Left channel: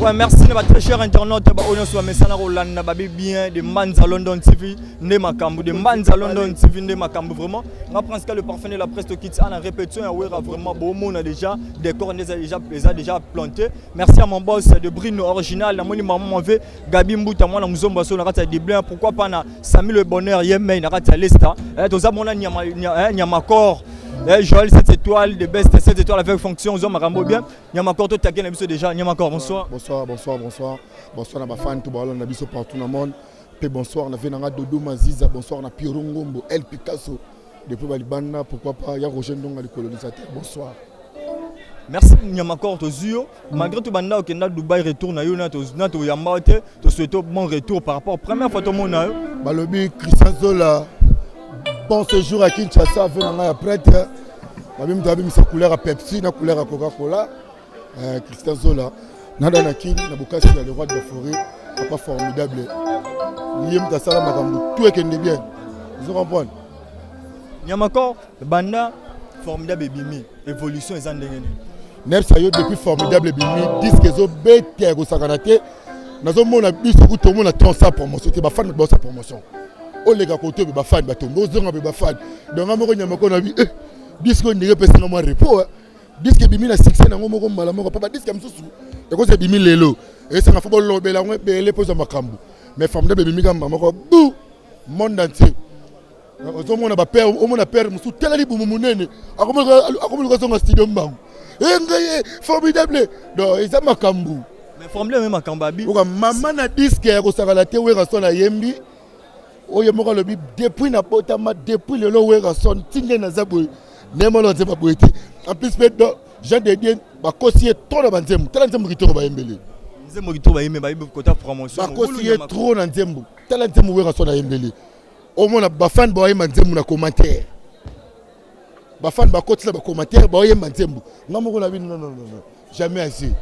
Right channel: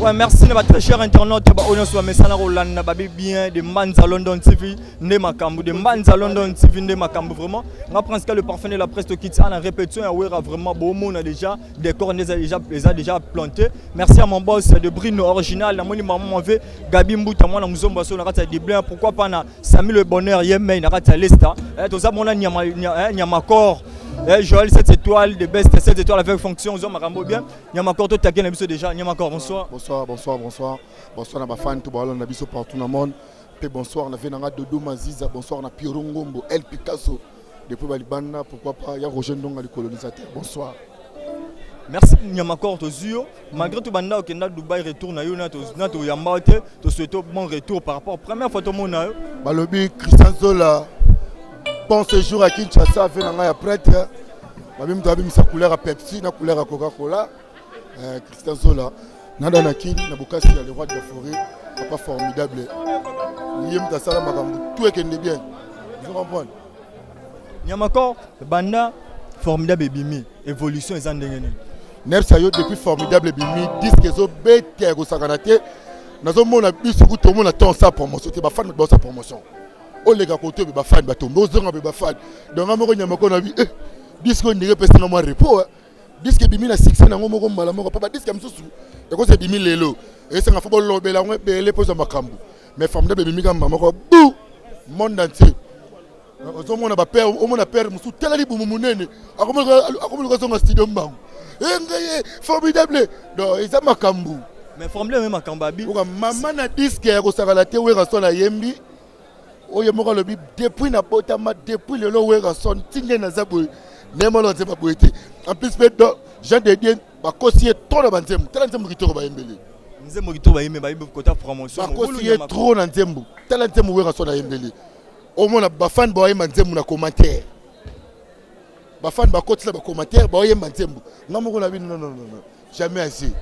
Ouais, merci à très cher internaute. On est sur Messana Rolanda, bien de Manza London TV, de Makambu, de Manza London TV, de Makambu. Vraiment, on prend le parfum de la presse qui est en répétition. On a vraiment beau monde déjà, des corps les a déjà plantés. Merci à mon boss de Brino original. La moni maman veut Gabi Mbouta, moi, nous sommes sur la rate de Blanc. Pourquoi pas na Samy le bonheur, Yemen, na rate l'Esta. Tous à mon Nyamakor. Joël 7 étoiles, de best 7 étoiles avec fonction, aux hommes à bien. Nyamakor, tout à l'heure déjà. Nyamakor, bonsoir. Bonsoir. Bonsoir à ma fan, tout le monde partout dans le monde. Bonsoir, on a fait Dodo Maziza, bonsoir, on a Pierre Ngombo, El Picasso. Depuis Balibana, pourquoi pas, il y a Roger Ndonga, les colonisateurs. Bonsoir. Merci Nyamakor Tozio. Malgré tout, Banda Okenda Dubaï retourne à Yona, to Yamate, to souhaite bon retour par rapport à la première fois tout le monde. Balobi, Christian Zola, bon séjour à Kinshasa, fait un prêtre. Même tu as mis sa couleur à Pepsi, la couleur à Coca-Cola. Christian Zola, Nada Nakin, Nabukasi, le roi de la forêt, pas formidable. Liam Tassala Makambu, tout est bien. Vous comprenez? Nyamakor, Banda, formidable Bimi, évolution et Zandengene. Nepsayo depuis formidable Bimi, disque zo bête au Sakanate. Nazo mona biso tout le monde attend sa promotion, c'est ba fan de sa promotion. O les gars côté ba fan ba tomber, zonga ba fan. Donc amoko Nyamakor na bi disque ndenge pesa na moi repos. Disque Bimi na succès na ngomoko mbala moko papa disque msusu. Et ko c'est Bimi lelo. Et ça na football lobela ngwe bele poza makambu. Mais formidable Bimi kamba moko bou monde entier. Au moins on a peur, au moins on a peur musu telali bumumunene. Akomo ko studio mbangu. Engaye formidable. Donc isa makambu. Mais formidable même makamba bi. Oka mama na disque ya ko sakala te wera son na yembi. Oye moko lobi depuis na botama depuis le lo wera son tinge na zabwe. Nemo lo nzeba boete. En plus Jean de Dieu ba kosier trop na banzembu. Tala nzembu kitoko ba yembele. Nzembu kitoko ba yembe ba yembe kota promotion. Ba kosier trop na nzembu. Tala nzembu wera son na yembele. Au moins ba fan ba yemba nzembu na commentaire. Ba fan ba kotisa ba commentaire ba yemba nzembu. Ngamoko na bi non. Jamais assez.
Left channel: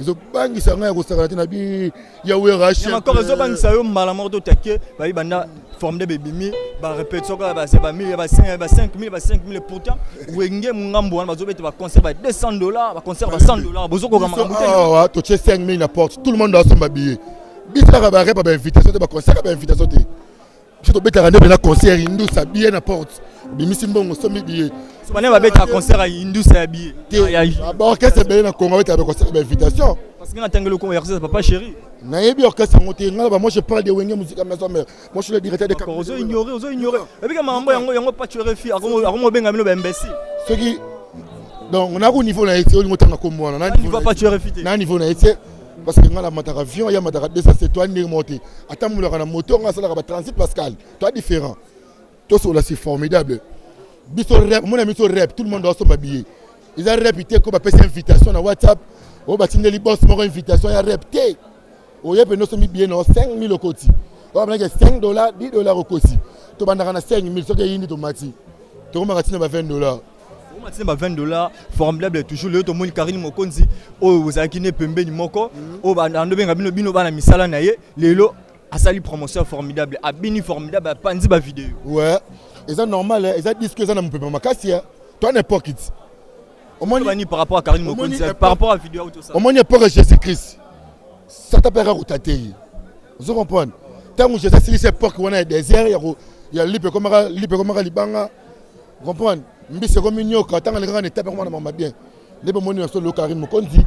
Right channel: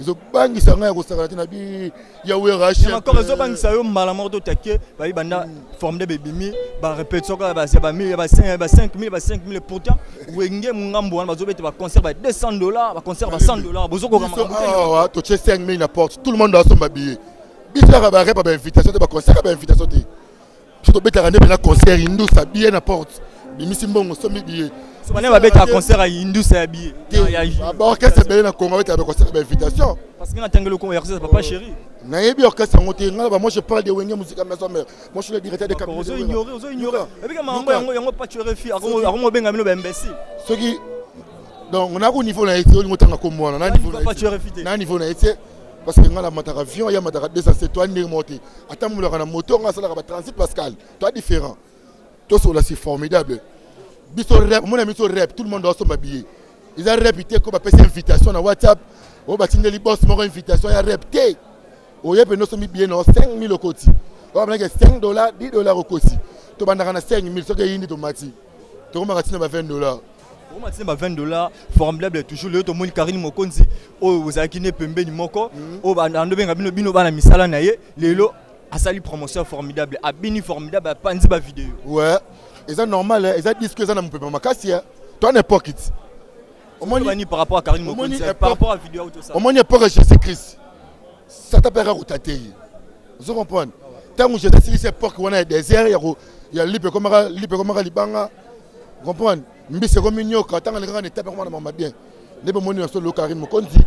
Ils ont bangi ça ngaya ko sakala na bi ya wera chien. Encore ils ont bangi ça yo mbala morto take ba banda forme de bébimi ba répétition ba c'est ba 1000 ba 5000 pourtant wenge mungambo wana bazo bete ba concert ba $200 ba concert ba $100 bozoko ka makambo. Ah to che 5000 n'importe tout le monde doit son billet. Bisaka ba rep ba invitation ba concert ba invitation te. Je te bête à rendre un concert hindou ça billet n'importe. Bimisi mbongo so mi billet. So bana ba bête à concert hindou ça billet. Ba orchestre belé na Congo avec concert ba invitation. Parce que na tangelo ko orchestre papa chéri. Na yebi orchestre ngote ngala moi je parle de wenge musique maison mère. Moi je suis le directeur de Capitole. Ozo ignorer. Et puis mambo yango pas tuer fi akomo benga mino ba imbécile. Ce qui donc on a au niveau na été on ngotanga ko mwana na niveau pas tuer fi. Na niveau na été parce que ngala mataka avion ya mataka 207 toi ni monter. Atamula kana moto ngala ba transit Pascal. Toi différent. Tout ça là c'est formidable. Biso rap, mon ami so rap, tout le monde doit se m'habiller. Ils ont répété qu'on va passer invitation dans WhatsApp. On va signer les boss, mon invitation, il a répété. On y a nous sommes bien dans 5000 au côté. On va mettre $5, $10 au côté. Tu vas dans 5000, ce qui est indi tomati. Tu vas mettre $20. On va $20 formidable toujours le to mon Karine Mokonzi. Oh vous avez kiné pembe ni moko. Oh ba ando benga bino bana misala na ye. Lelo asali promotion formidable, abini formidable, panzi ba vidéo. Ouais. Et ça normal, ils ont dit que ça n'a pas ma casse. Toi n'importe qui. Au moins par rapport à Karine Mokonzi, par rapport à la vidéo tout ça. Au moins il n'y a pas Jésus-Christ. Ça t'appellera au taté. Vous comprenez? Tant que Jésus c'est l'époque où on a des désert, il y a libre comme libanga. Vous comprenez? Mais c'est comme une yoka, tant que les grands étapes comme on m'a bien. Les bonnes monies sur le Karine Mokonzi,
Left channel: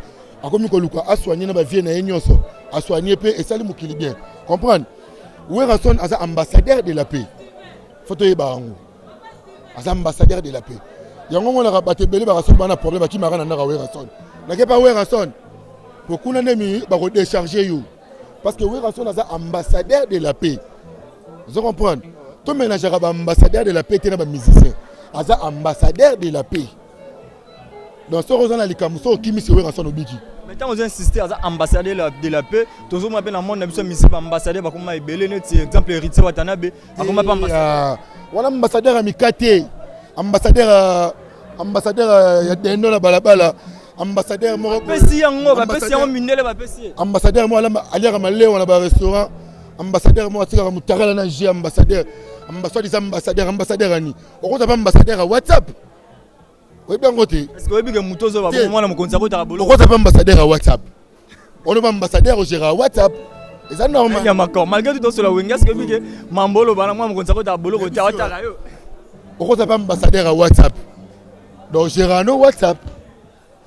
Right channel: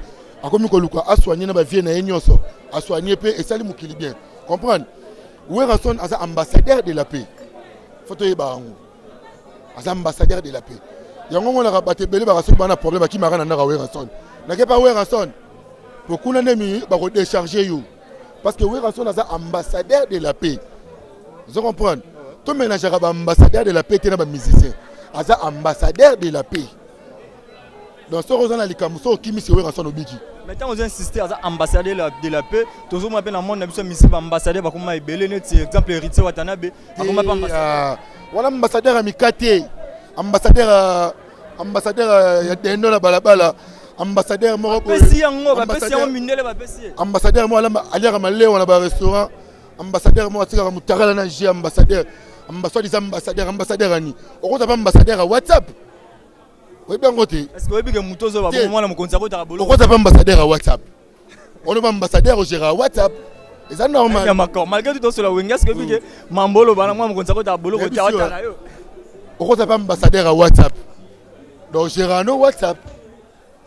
a comme que Luka a soigné na vie na enyoso, a soigné paix et ça lui mukili bien. Comprendre? Où est Rasson as ambassadeur de la paix? Photo est barango. As ambassadeur de la paix. Yango on a rabatté belé ba rason bana problème qui marana na Werason. Na ke pas Werason. Pour qu'on ennemi ba décharger you. Parce que Werason as ambassadeur de la paix. Vous comprenez? Tout ménageur ba ambassadeur de la paix tena ba musicien. As ambassadeur de la paix. Dans ce rosana les kamuso qui mi se Werason obiki. Maintenant on insister à ambassadeur de la paix. Toujours moi ben dans monde na biso ambassadeur ba comme belé net exemple héritier Watanabe. Akoma pas ambassadeur. Voilà ambassadeur Amikate, ambassadeur ya dendo la balabala, ambassadeur moko pesi yango ba pesi yango mindele ba pesi ambassadeur mo aliaka maleo na ba restaurant, ambassadeur mo atika mutakala na G ambassadeur ambassadeur ani okoza ba ambassadeur à WhatsApp. Oui bien côté est-ce que obi ke mutozo ba mwana mokonza ko ta bolo okoza ba ambassadeur à WhatsApp on est ambassadeur au Gérard WhatsApp. Et ça normal. Nyamakor malgré tout sur la winga ce que bige mambolo bana moi mon ça ta bolo ko ta ta yo. On est ambassadeur à WhatsApp. Donc Gérard no WhatsApp.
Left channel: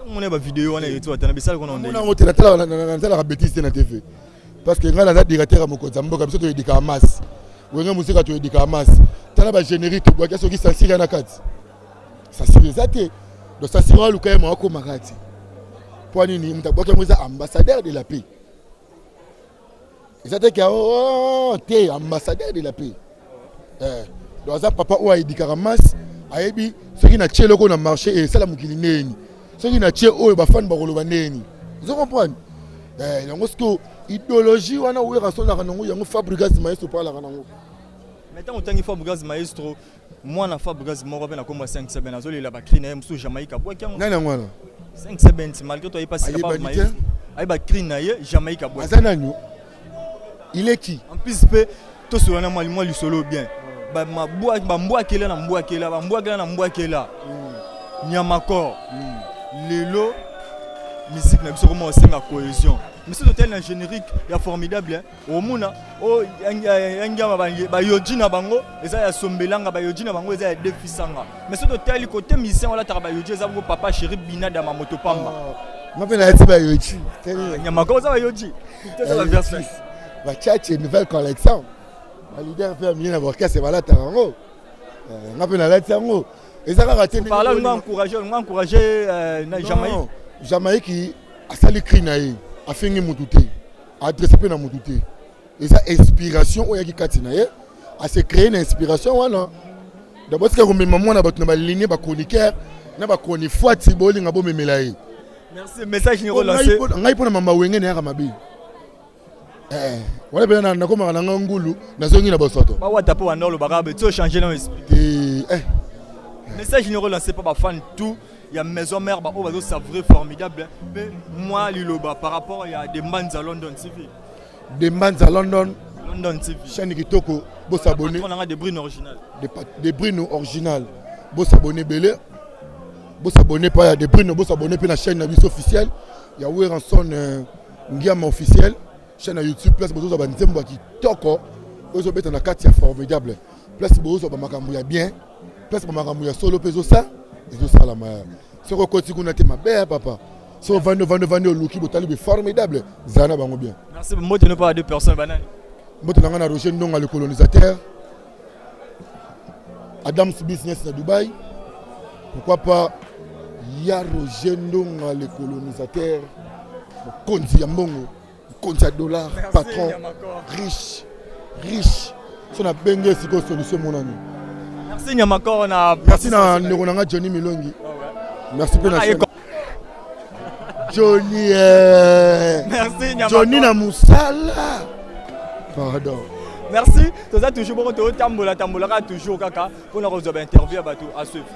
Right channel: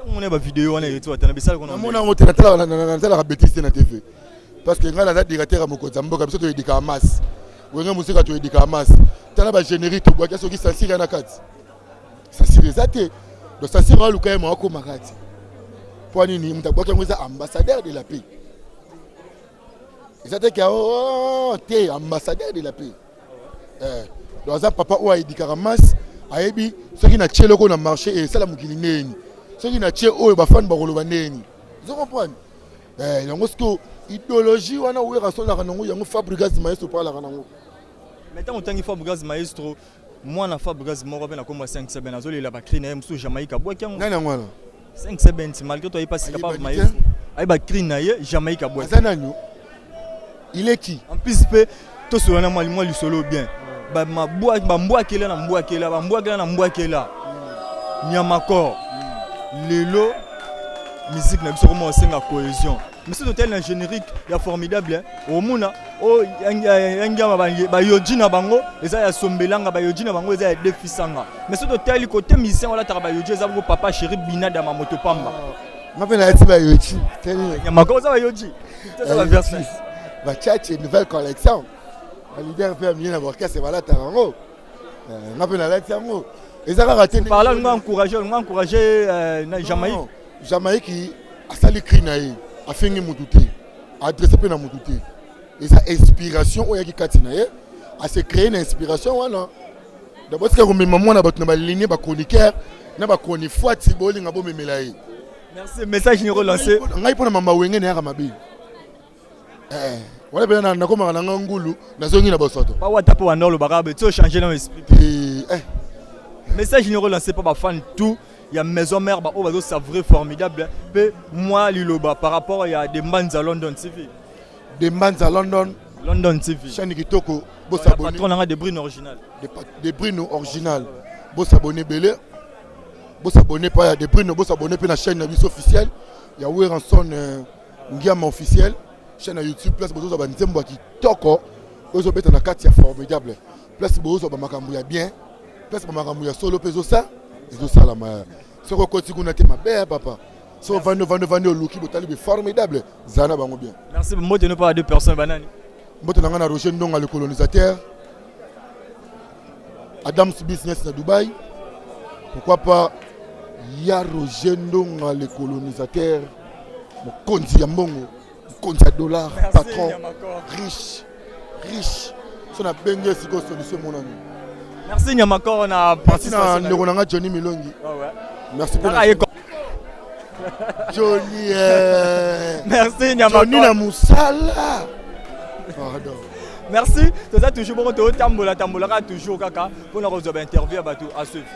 On a ba vidéo on est tout atana bisala ko on a hotel na la bêtise na TV. Parce que ngala za directeur à Mokonza mboka biso to edika masse. Wenga musika to edika masse. Tala ba générique to bwa kaso ki sansira na kati. Ça c'est exacté. Donc ça sera le cas moi ko makati. Pour nini mtabwa ke mwiza ambassadeur de la paix. Exacté que oh t'es ambassadeur de la paix. Donc ça papa ou edika masse ayebi ceux qui na tchelo ko na marché et ça la mukili neni. Ceux qui na tché o ba fan ba koloba neni. Vous comprenez? Yango sko idéologie wana ouera sona kanango yango Fabregas Maestro parla kanango. Maintenant autant il faut Fabregas Maestro moi na Fabregas moko pe na komba 5-7 azoli la ba crine mso Jamaïque bois kyango. Nani ngwana? 5-7 malgré toi il passe capable Maestro. Ay ba crine na ye Jamaïque bois. Azananyo. Il est qui? En plus pe to so na moi lui solo bien. Ba mboa kela na mboa kela ba mboa kela na mboa kela. Nyamakor. Lelo musique na biso comment on cohésion. Mais ce hôtel est générique, il est formidable. Au Mouna, oh, il y a Yoji na bango, et ça y a Sombelanga, Yoji na bango, et ça y a Defisanga. Mais ce hôtel, il côté mission, on a travaillé Yoji, ça papa chéri Bina dans ma moto pamba. Je vais aller à Yoji. Il y a ma cause à Yoji. C'est la version. Va chercher une nouvelle collection. Le leader fait bien avoir cassé voilà Tarango. On va aller à Tarango. Et ça va rater. Par là, on va encourager Jamaïque. Jamaïque qui a sali crinaï. A fait une moutouté, a adressé peu na moutouté. Et ça inspiration au yaki katina ye, a se créer une inspiration voilà. D'abord c'est que comme maman na battu na ba ligne ba chroniqueur, na ba chronique fois tiboli ngabo memelaye. Merci, message ni relancé. Ngai pona mama wenge na mabi. Wala bena na koma na ngulu na zongi na bosoto. Ba wata po wanolo barabe, tu changer dans l'esprit. Message ni relancé par ba fan tout. Il y a maison mère bah oh c'est vrai formidable mais moi liloba par rapport il y a des Mbanza London TV London TV chaîne kitoko bo s'abonner on a des brines originales des brines originales bo s'abonner belé bo s'abonner pas il y a des brines bo s'abonner puis la chaîne officielle il y a Weranson Ngiama officiel chaîne YouTube place bo zo ba nzembo kitoko ozo beta na kati ya formidable place bo zo ba makambu ya bien place ba makambu ya solo peso ça. Et tout ça là, ce que tu as ma belle papa. Ce que au Luki, c'est formidable. Zana bango bien. Merci. Moi, tu n'as pas deux personnes banani. Moi, tu as Roger Ndonga le colonisateur. Adam's Business à Dubaï. Pourquoi pas il y a Roger Ndonga le colonisateur. Konzi Yambongo, Konzi $, patron, riche. Son a bengé si solution mon ami. Merci Nyamakor, merci na Johnny Milongi. Merci pour Johnny. Merci Nyamakor. Johnny na musala. Pardon. Merci. Tout ça toujours bon tambola toujours kaka pour nous interview à suivre.